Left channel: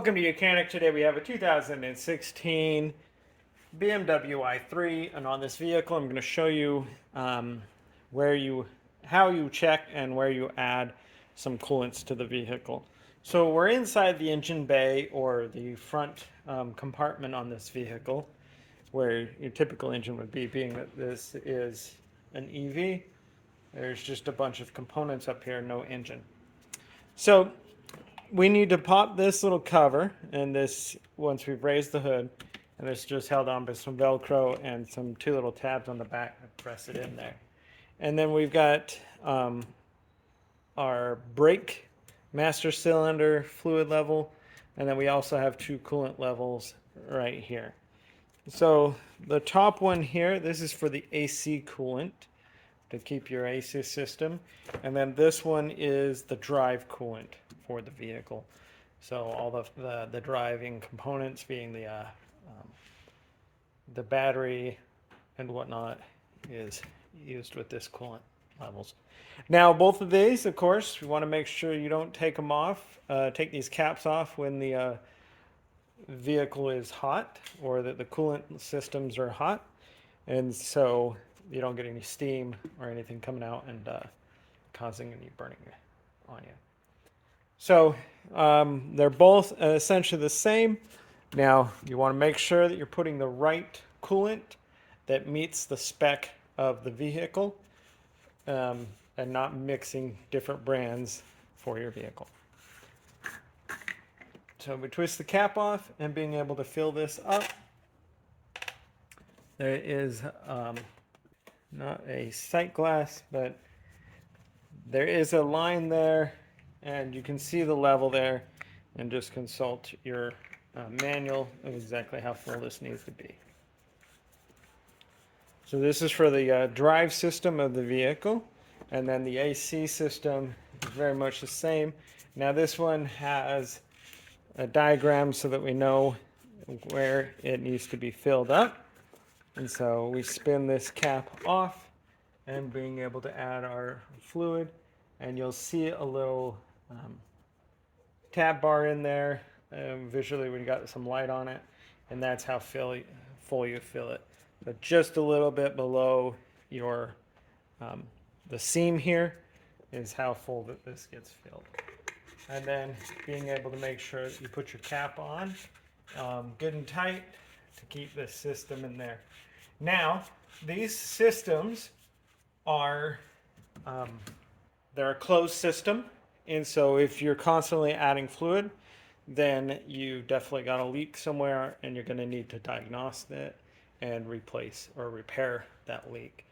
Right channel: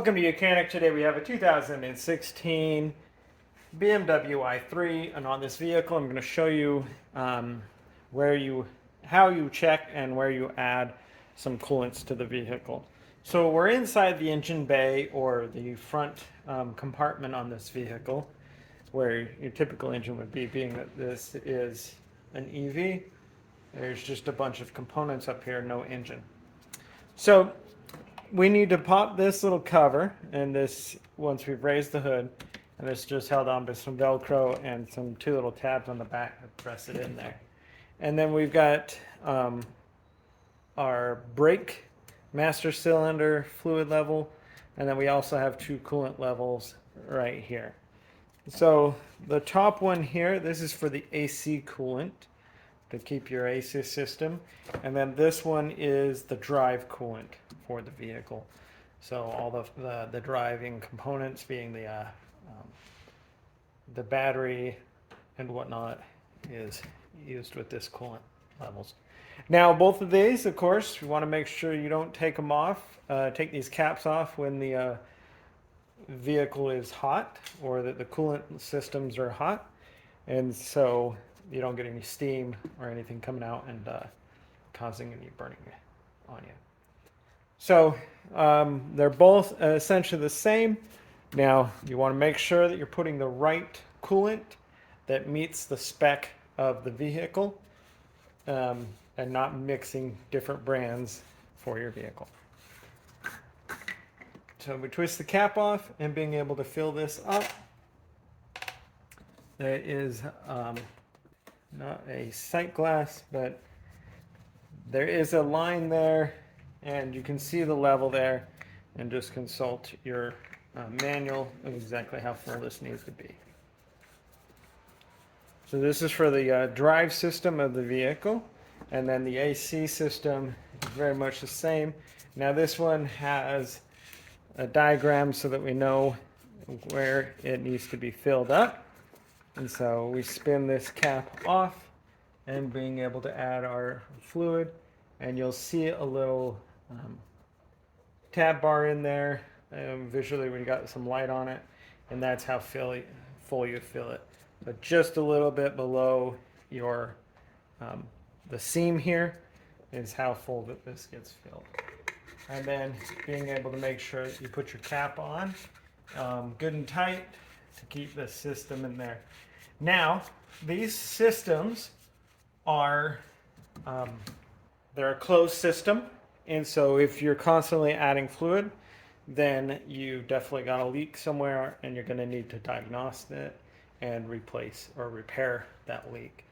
Welcome to Mechanic. Today we have a 2016 BMW i3, and on this vehicle I'm going to show you how you check and where you add some coolants to the vehicle. So we're inside the engine bay, or the front compartment on this vehicle, where your typical engine would be, being that this is an EV. There's just a bunch of components up here, no engine. So we need to pop this little cover, and this, once we've raised the hood, and it's just held on by some Velcro and some two little tabs on the back that press it in there. And then we've got our brake master cylinder fluid level, and then we also have two coolant levels right here. So the top one here, this is for the AC coolant, to keep your AC system, and then this one is the drive coolant for the vehicle. So all the driving components, being the battery and whatnot, is used with this coolant levels. Now both of these, of course, you want to make sure you don't take them off, take these caps off when the vehicle is hot, or that the coolant systems are hot, and so you don't get any steam or anything coming out and causing any burning on you. So they're both essentially the same. Now you want to make sure that you're putting the right coolant that meets the spec of the vehicle, and not mixing different brands for your vehicle. So we twist the cap off, and being able to fill this up, there is not a sight glass, but there is a line there, and you can see the level there, and just consult your manual of exactly how full this needs to be. So this is for the drive system of the vehicle, and then the AC system is very much the same. Now this one has a diagram so that we know where it needs to be filled up. And so we spin this cap off, and being able to add our fluid, and you'll see a little tab bar in there visually when you got some light on it, and that's how full you fill it. But just a little bit below your the seam here is how full that this gets filled. And then being able to make sure that you put your cap on good and tight to keep this system in there. Now, these systems are, they're a closed system, and so if you're constantly adding fluid, then you definitely got a leak somewhere, and you're going to need to diagnose it and replace or repair that leak,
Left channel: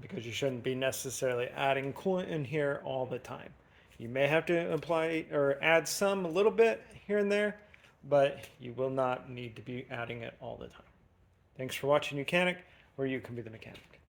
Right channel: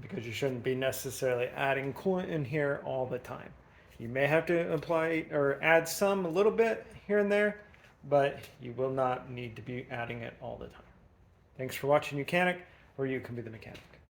because you shouldn't be necessarily adding coolant in here all the time. You may have to apply or add some a little bit here and there, but you will not need to be adding it all the time. Thanks for watching Mechanic, where you can be the mechanic.